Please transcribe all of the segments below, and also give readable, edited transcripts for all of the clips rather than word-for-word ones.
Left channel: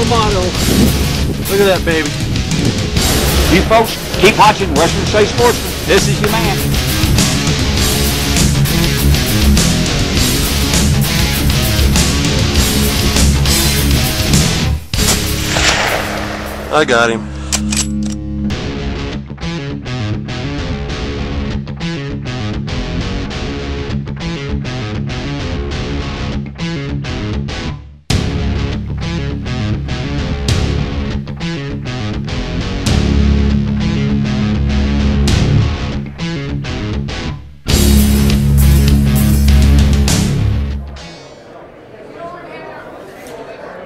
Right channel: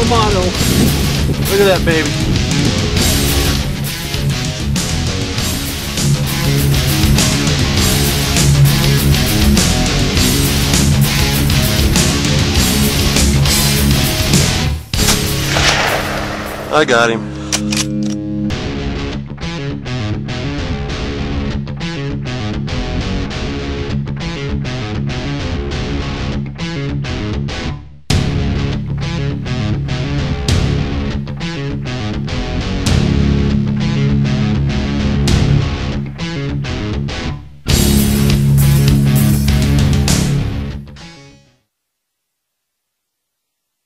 alma mater. Look at that, baby. You folks keep watching Western State Sportsman. This is your man. I got him.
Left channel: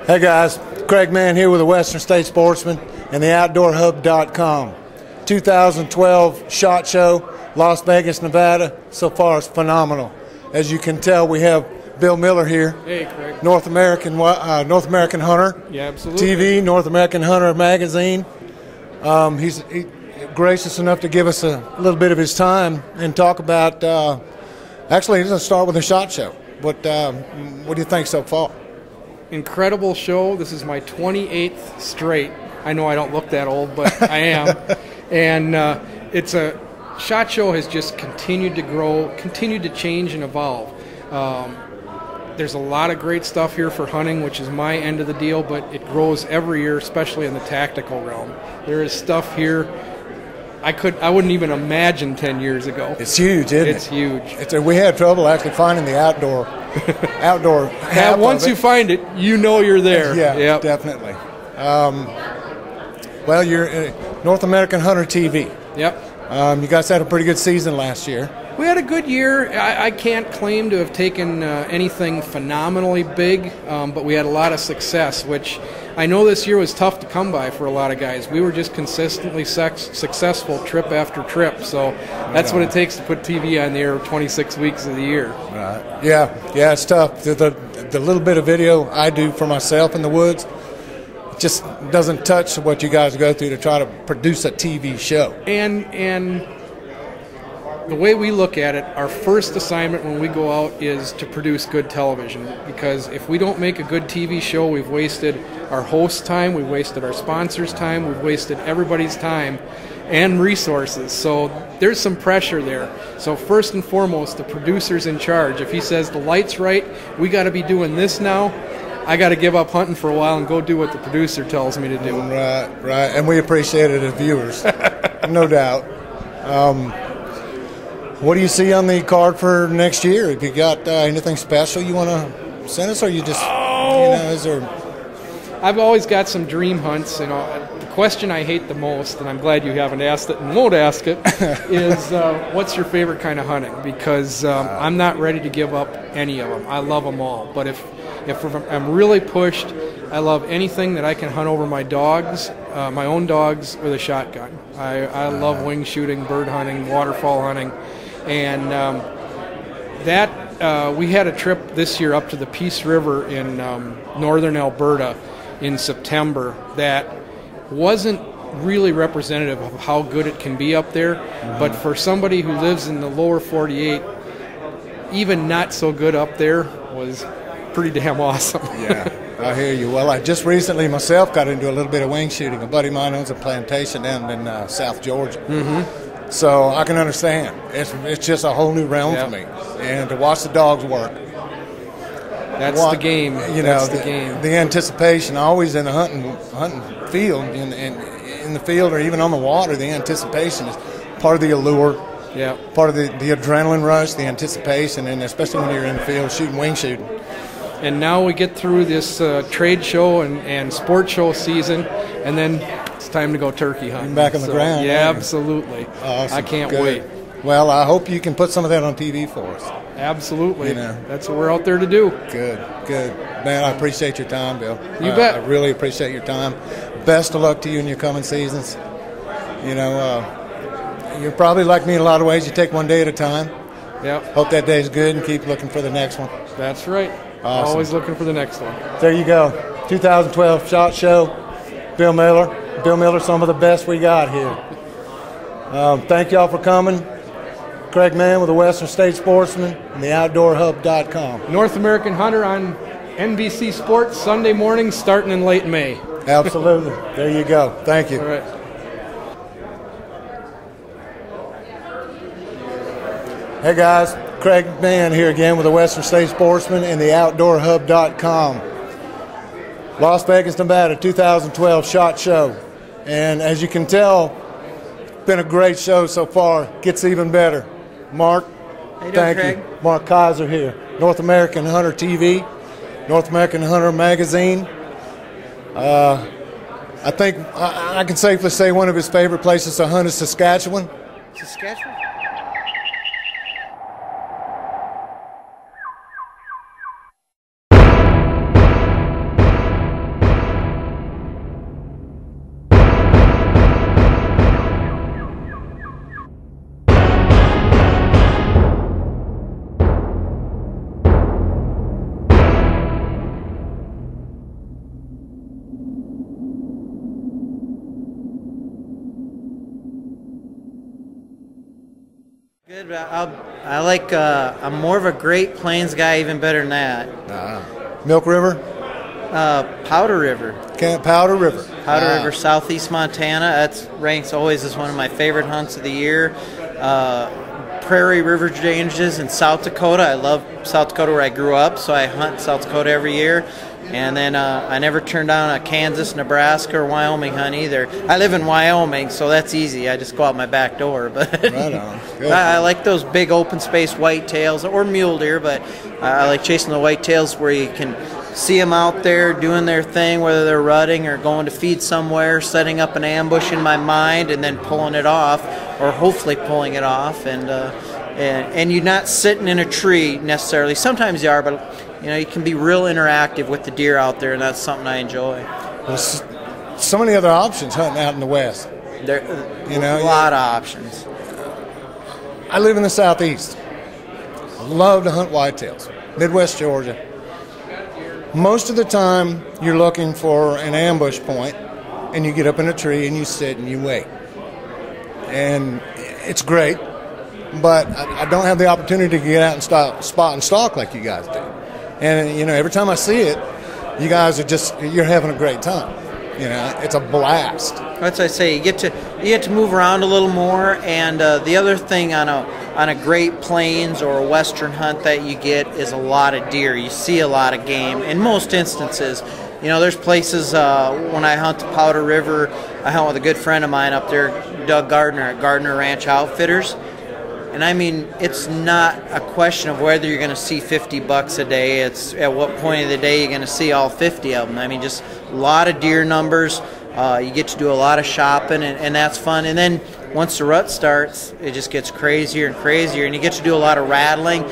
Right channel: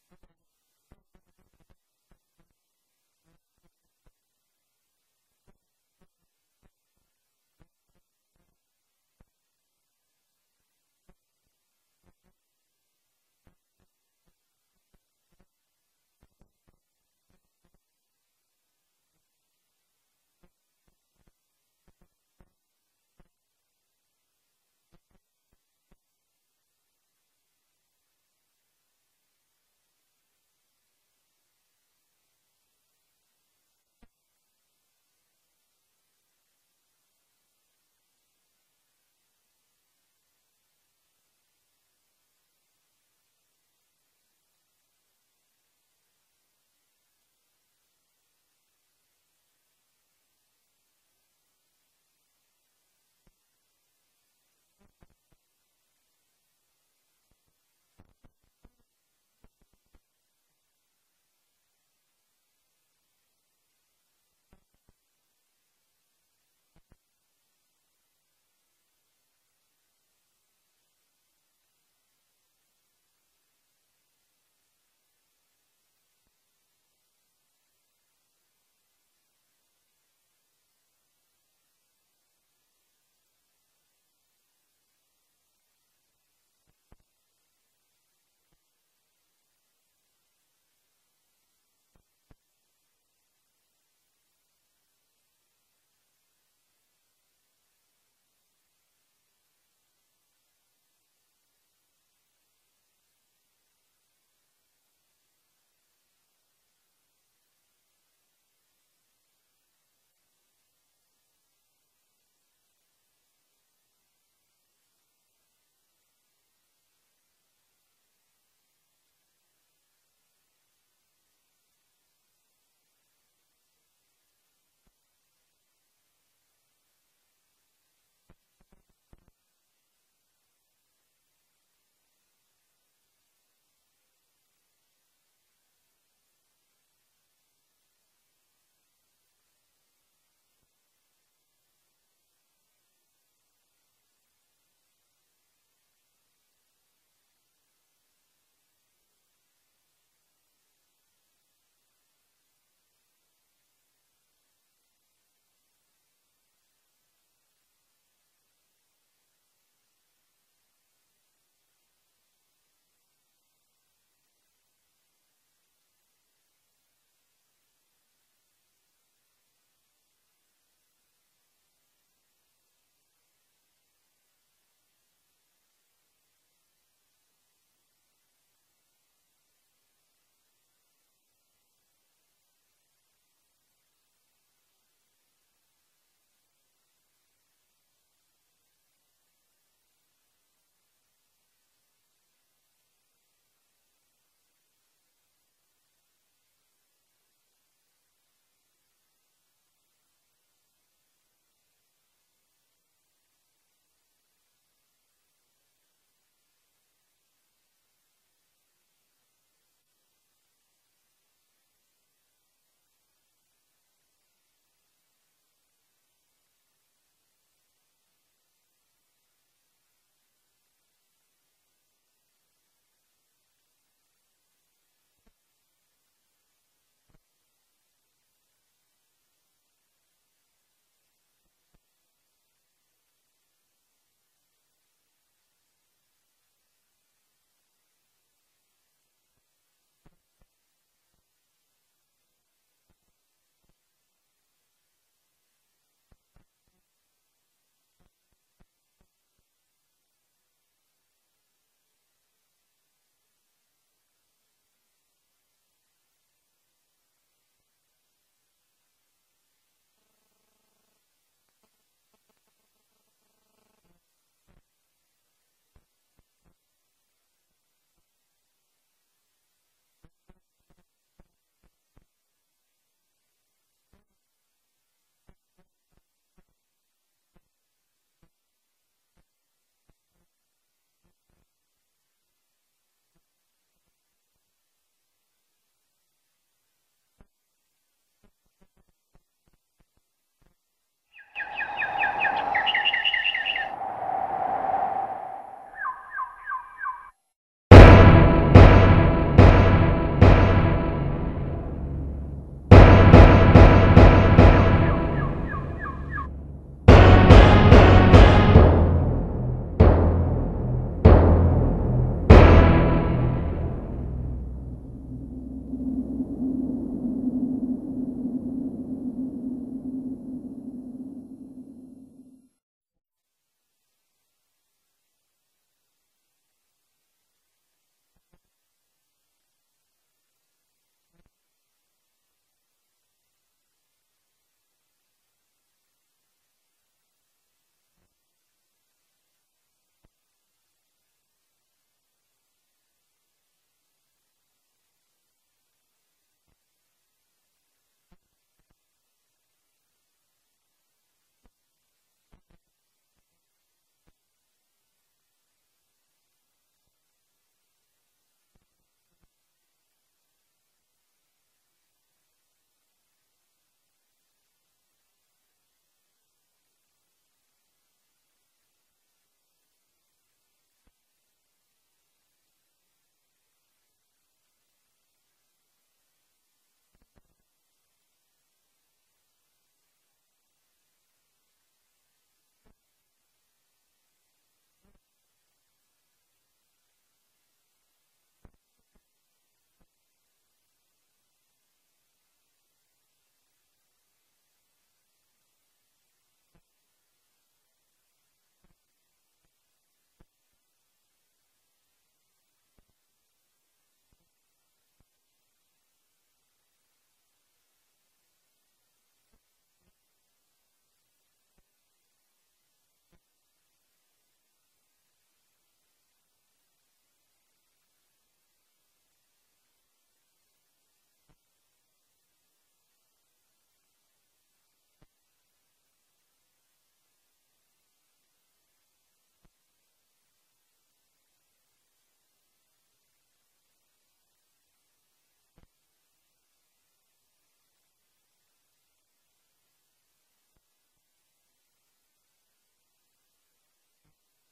Hey guys, Craig Mann here with the Western State Sportsman and the OutdoorHub.com. 2012 SHOT Show, Las Vegas, Nevada. So far it's phenomenal. As you can tell, we have Bill Miller here. Hey, Craig. North American Hunter. Yeah, absolutely. TV, North American Hunter magazine. He's gracious enough to give us a little bit of his time and talk about, actually he's going to start with the SHOT Show. What do you think so far? Incredible show. This is my 28th straight. I know I don't look that old, but I am. And it's a SHOT Show has just continued to grow, continued to change and evolve. There's a lot of great stuff here for hunting, which is my end of the deal, but it grows every year, especially in the tactical realm. There is stuff here I wouldn't even imagine 10 years ago. It's huge, isn't it? It's huge. We had trouble actually finding the outdoor half once of it. You find it, you know you're there. Yeah, yep. Definitely. Well, you're North American Hunter TV. Yep. You guys had a pretty good season last year. We had a good year. I can't claim to have taken anything phenomenally big, but we had a lot of success, which I know this year was tough to come by for a lot of guys. We were just consistently successful trip after trip, so that's what it takes to put TV on the air 26 weeks of the year. Right. Yeah, it's tough. The little bit of video I do for myself in the woods just doesn't touch what you guys go through to try to produce a TV show. And the way we look at it, our first assignment when we go out is to produce good television, because if we don't make a good TV show, we've wasted our host's time, we've wasted our sponsors' time, we've wasted everybody's time and resources. So there's some pressure there. So first and foremost, the producer's in charge. If he says the light's right, we got to be doing this now, I got to give up hunting for a while and go do what the producer tells me to do. Right. And we appreciate it as viewers, no doubt. What do you see on the card for next year? Have you got anything special you want to send us, or you just, is there? I've always got some dream hunts. The question I hate the most, and I'm glad you haven't asked it and won't ask it, is what's your favorite kind of hunting? Because I'm not ready to give up any of them. I love them all. But if I'm really pushed, I love anything that I can hunt over my dogs, my own dogs, with a shotgun. I love wing shooting, bird hunting, waterfowl hunting. And we had a trip this year up to the Peace River in northern Alberta in September that wasn't really representative of how good it can be up there. But for somebody who lives in the lower 48, even not so good up there was pretty damn awesome. Yeah, I hear you. Well, I just recently myself got into a little bit of wing shooting. A buddy of mine owns a plantation down in South Georgia. Mm-hmm. So I can understand. It's just a whole new realm for me. And to watch the dogs work. That's the game. That's the game. The anticipation, always in a hunting field, in the field or even on the water, the anticipation is part of the allure. Yeah. Part of the adrenaline rush, the anticipation, and especially when you're in the field wing shooting. And now we get through this trade show and sport show season, and then it's time to go turkey hunting. Back on the ground. Yeah, absolutely. Awesome. I can't Good. wait. Well, I hope you can put some of that on TV for us. Absolutely. That's what we're out there to do. Good. Man, I appreciate your time, Bill. You bet. I really appreciate your time. Best of luck to you in your coming seasons. You're probably like me in a lot of ways. You take one day at a time. Yep. Hope that day's good and keep looking for the next one. That's right. Awesome. Always looking for the next one. There you go. 2012 SHOT Show. Bill Miller, some of the best we got here. Thank y'all for coming. Craig Mann with the Western State Sportsman and the OutdoorHub.com. North American Hunter on NBC Sports, Sunday morning, starting in late May. Absolutely. There you go. Thank you. All right. Hey guys, Craig Mann here again with the Western State Sportsman and the OutdoorHub.com. Las Vegas, Nevada, 2012 SHOT Show. And as you can tell, it's been a great show so far. Gets even better. Mark, how you doing, thank Craig? you. Mark Kaiser here. North American Hunter TV, North American Hunter Magazine. I think I can safely say one of his favorite places to hunt is Saskatchewan. Saskatchewan? Good, but I'm more of a Great Plains guy, even better than that. Milk River? Powder River. Powder River. Powder River, southeast Montana. That ranks always as one of my favorite hunts of the year. Prairie River ranges in South Dakota. I love South Dakota where I grew up, so I hunt South Dakota every year. And then I never turned down a Kansas, Nebraska, or Wyoming hunt either. I live in Wyoming, so that's easy. I just go out my back door. But Right on. Good. I like those big open space whitetails or mule deer, but I like chasing the whitetails where you can see them out there doing their thing, whether they're rutting or going to feed somewhere, setting up an ambush in my mind, and then pulling it off, or hopefully pulling it off. And you're not sitting in a tree necessarily. Sometimes you are, but you can be real interactive with the deer out there, and that's something I enjoy. Well, so many other options hunting out in the West. There, a lot of options. I live in the Southeast. I love to hunt whitetails. Midwest Georgia. Most of the time, you're looking for an ambush point, and you get up in a tree and you sit and you wait. And it's great, but I don't have the opportunity to get out and spot and stalk like you guys do. And every time I see it, you guys you're having a great time. It's a blast. That's what I say. You get to move around a little more, and the other thing on a Great Plains or a Western hunt that you get is a lot of deer. You see a lot of game. In most instances, there's places when I hunt the Powder River, I hunt with a good friend of mine up there, Doug Gardner at Gardner Ranch Outfitters. And I mean, it's not a question of whether you're going to see 50 bucks a day. It's at what point of the day you're going to see all 50 of them. I mean, just a lot of deer numbers. You get to do a lot of shopping, and that's fun. And then once the rut starts, it just gets crazier and crazier, and you get to do a lot of rattling.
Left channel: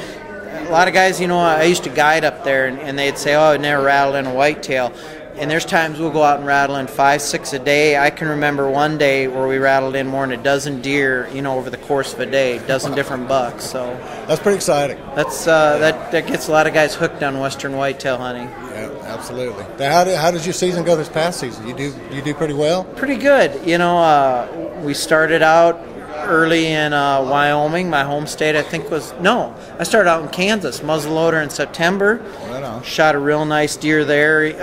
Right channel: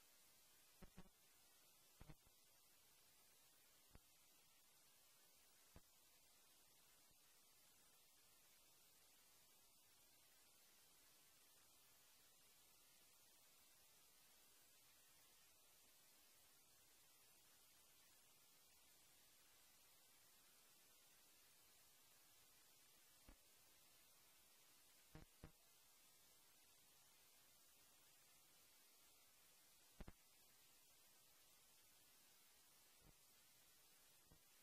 A lot of guys, I used to guide up there, and they'd say, oh, I never rattled in a whitetail. And there's times we'll go out and rattle in 5, 6 a day. I can remember one day where we rattled in more than a dozen deer, over the course of a day, a dozen different bucks. So that's pretty exciting. That's that gets a lot of guys hooked on Western whitetail hunting. Yeah, absolutely. Now, how did your season go this past season? You do pretty well. Pretty good. We started out early in Wyoming. My home state, I started out in Kansas, muzzleloader in September. Right on. Shot a real nice deer there. It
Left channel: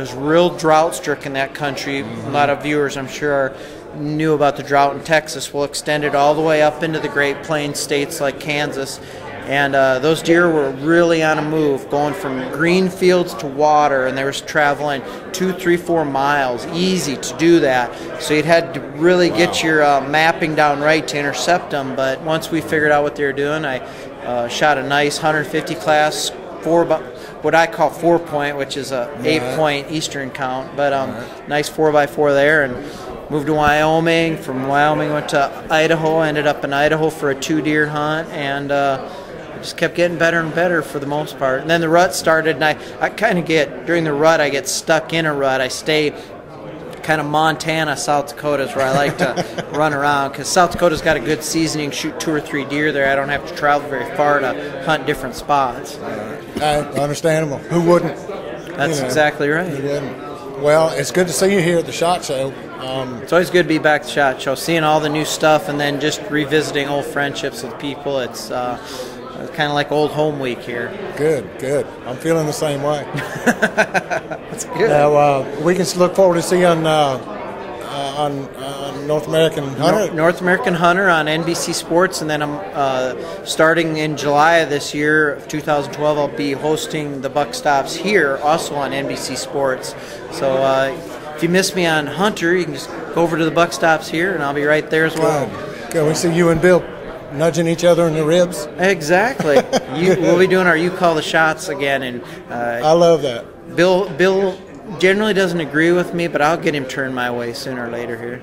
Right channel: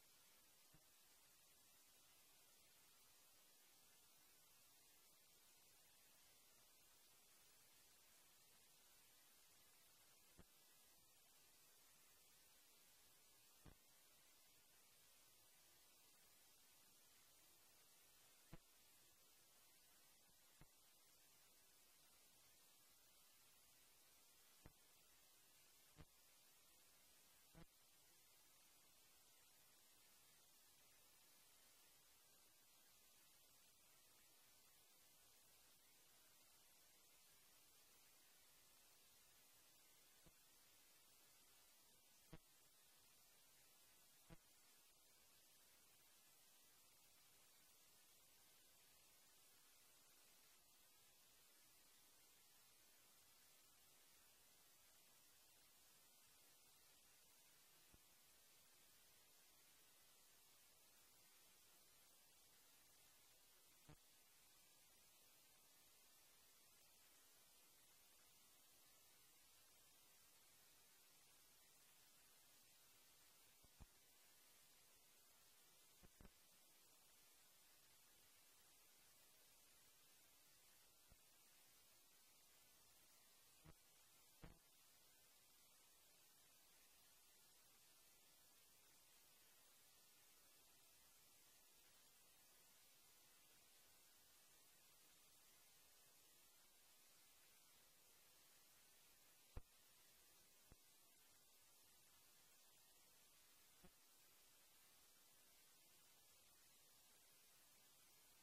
was real drought-stricken, that country. Mm-hmm. A lot of viewers, I'm sure, knew about the drought in Texas. We'll extend it all the way up into the Great Plains states like Kansas. And those deer were really on a move, going from green fields to water, and they were traveling 2, 3, 4 miles, easy to do that. So you'd had to really get your mapping down right to intercept them. But once we figured out what they were doing, I shot a nice 150 class, what I call 4-point, which is a 8-point Eastern count, but nice 4x4 there, and moved to Wyoming. From Wyoming went to Idaho, ended up in Idaho for a 2-deer hunt, and just kept getting better and better for the most part. And then the rut started, and I kind of during the rut, I get stuck in a rut. I stay kind of Montana, South Dakota is where I like to run around, because South Dakota's got a good season. You can shoot 2 or 3 deer there. I don't have to travel very far to hunt different spots. Understandable. Who wouldn't? That's exactly right. Who wouldn't? Well, it's good to see you here at the SHOT Show. It's always good to be back at the SHOT Show, seeing all the new stuff, and then just revisiting old friendships with people. It's It's kind of like old home week here. Good, good. I'm feeling the same way. That's good. Now, we can look forward to seeing on North American Hunter. North American Hunter on NBC Sports, and then I'm starting in July of this year, of 2012, I'll be hosting the Buck Stops here, also on NBC Sports. So if you miss me on Hunter, you can just go over to the Buck Stops here, and I'll be right there as well. Good. We see you and Bill nudging each other in the ribs. Exactly. We'll be doing our You Call the Shots again, and I love that. Bill generally doesn't agree with me, but I'll get him turned my way sooner or later here.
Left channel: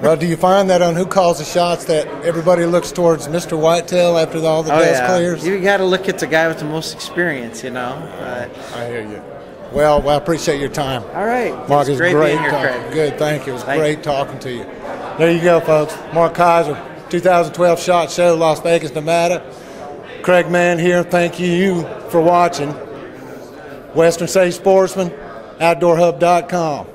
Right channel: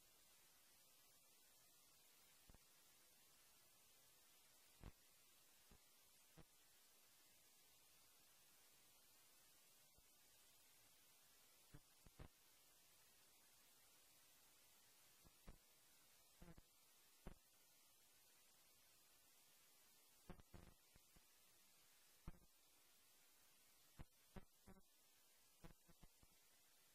Well, do you find that on Who Calls the Shots that everybody looks towards Mr. Whitetail after all the dust clears? You got to look at the guy with the most experience, you know. I hear you. Well, I appreciate your time. All right. Mark, it's great being here, talking. Craig. Good, thank you. It was great talking to you. There you go, folks. Mark Kaiser, 2012 SHOT Show, Las Vegas, Nevada. Craig Mann here. Thank you for watching. Western States Sportsman, OutdoorHub.com.